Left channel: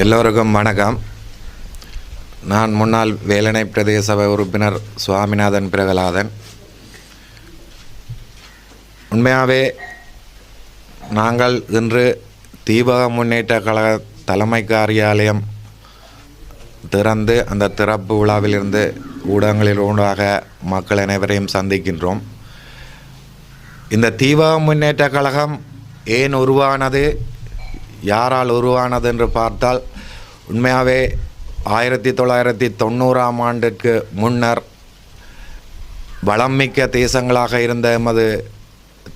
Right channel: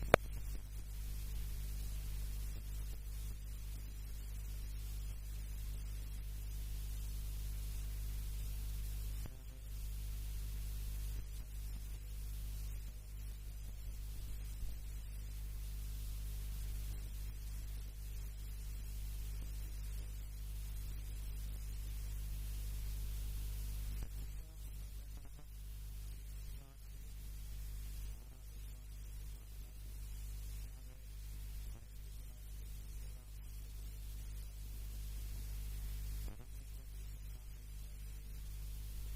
எல்லோருக்கும் வணக்கம். நான் முன்னாள் வேலனை பிரதேச சபை உறுப்பினர் சுவாமிநாதன் பிரகலாதன். உண்மையாகவே நாங்கள் இன்று தீபக முன்னேற்ற கழக தலைமை காரியாலயம் திறந்து அந்த திறப்பு விழாவிலிருந்து ஊடகங்களில் ஊடாக மக்கள் அனைவரையும் சந்திக்கின்றோம். இந்த தீபக முன்னேற்ற கழகம் ஏன் உருவானது? யாரால் உருவானது என்று பார்த்தால் உண்மையாகவே ஆயிரத்தி தொள்ளாயிரத்தி தொண்ணூறாம் ஆண்டிற்கு முன்னர் வளம்மிக்க தேசங்களாக இருந்த எமது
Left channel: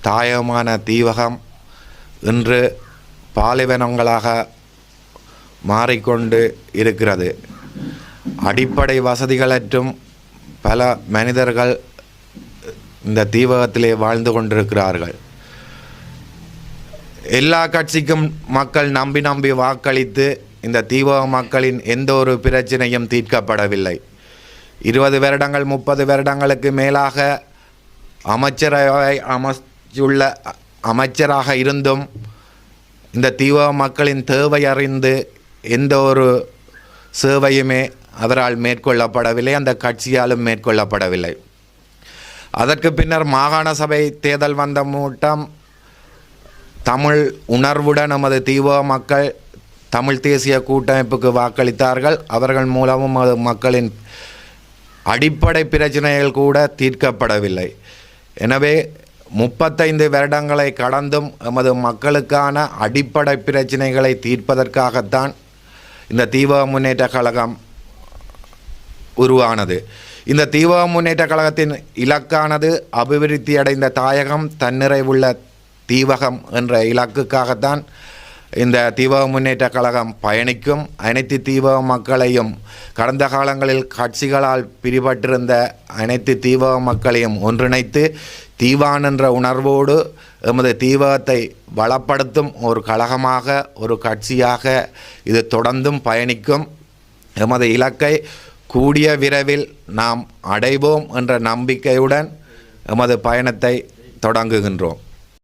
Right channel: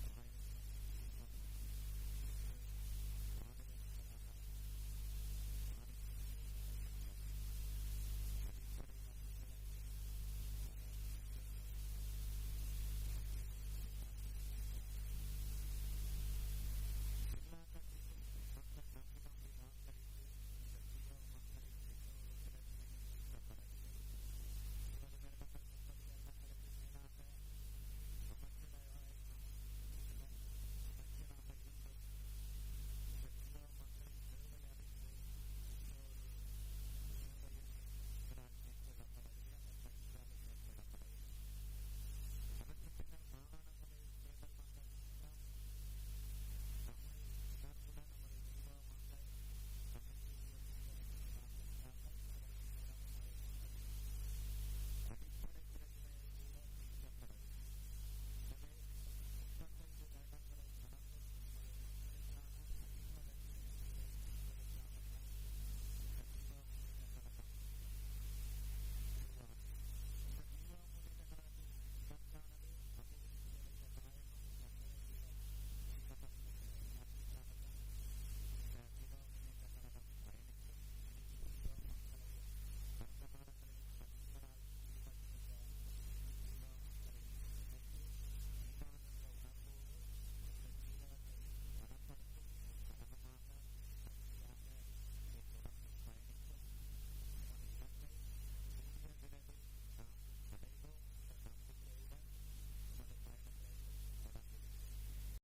தாயகமான தீவகம் இன்று பாலைவனங்களாக மாறிக்கொண்டு இருக்கிறது. அடிப்படை வசதிகளற்றும் பல மனிதர்கள் இந்த தீவகத்திலே வாழ்ந்து கொண்டிருக்கிறார்கள். எல்லா கட்சிக்கும் மக்கள் நம்பி நம்பி வாக்களித்து இந்த தீவிர மக்களின் எந்த ஒரு பிரச்சனையும் தீர்க்கப்படவில்லை. இருபது வருடங்கள் முப்பது வருடங்களுக்கு மேலாக அமைச்சரவை அமைச்சுள்ள அமைச்சராக இருந்தும் இந்த தீவிர மக்களின் தேவை அறிந்து எந்த ஒரு சேவையுமே அவரால் மேற்கொள்ளப்படவில்லை அந்த கட்சியாலும் மேற்கொள்ளப்படவில்லை. அதற்கு பின்னர் மாகாண சபை தேர்தல் வந்த மூட்டம் தமிழ் உணர்வுடன் நமது தீவக மக்கள் தமிழ் தேசிய கூட்டமைப்புக்கு வாக்களித்தார்கள். அவர்கள் மூலமும் அது மக்களின் அடிப்படை பிரச்சனைகள் கூட தீர்க்கப்படவில்லை. எனவே முப்பத்தைந்து வருடங்களை கடந்தும் எமது மக்களுக்கான அடிப்படை பிரச்சனைகளை தீர்ப்பதற்காகத்தான் இந்த தீவிர முன்னேற்ற கழகம் உருவானது. இந்த தீவிர முன்னேற்ற கழகத்தின் இலக்கானது அபிவிருத்தி அடைந்த தாயகம் தன்னிறைவுள்ள தீவகம் என்ற இலக்குக்காகத்தான் இந்த தீவக முன்னேற்ற கழகம் பயணிக்கும். அனைத்து தீவக மக்களையும் கடந்த காலங்களில் கட்சிகளால் பிரிபட்டிருந்த அனைத்து தீவக மக்களையும் ஒன்றிணைத்து தீவான் என்ற உணர்வோடு எமது தீவகத்தை வளப்படுத்தும் ஒரு கழகமாக ஒரு கட்சியாக இது தொடர்ந்தும் பயணிக்கும். எமது இலக்கை கூடிய விரைவில் நாம் அடைவோம் என்ற நம்பிக்கையுடன் எமது பயணத்தை தொடங்குகின்றோம்.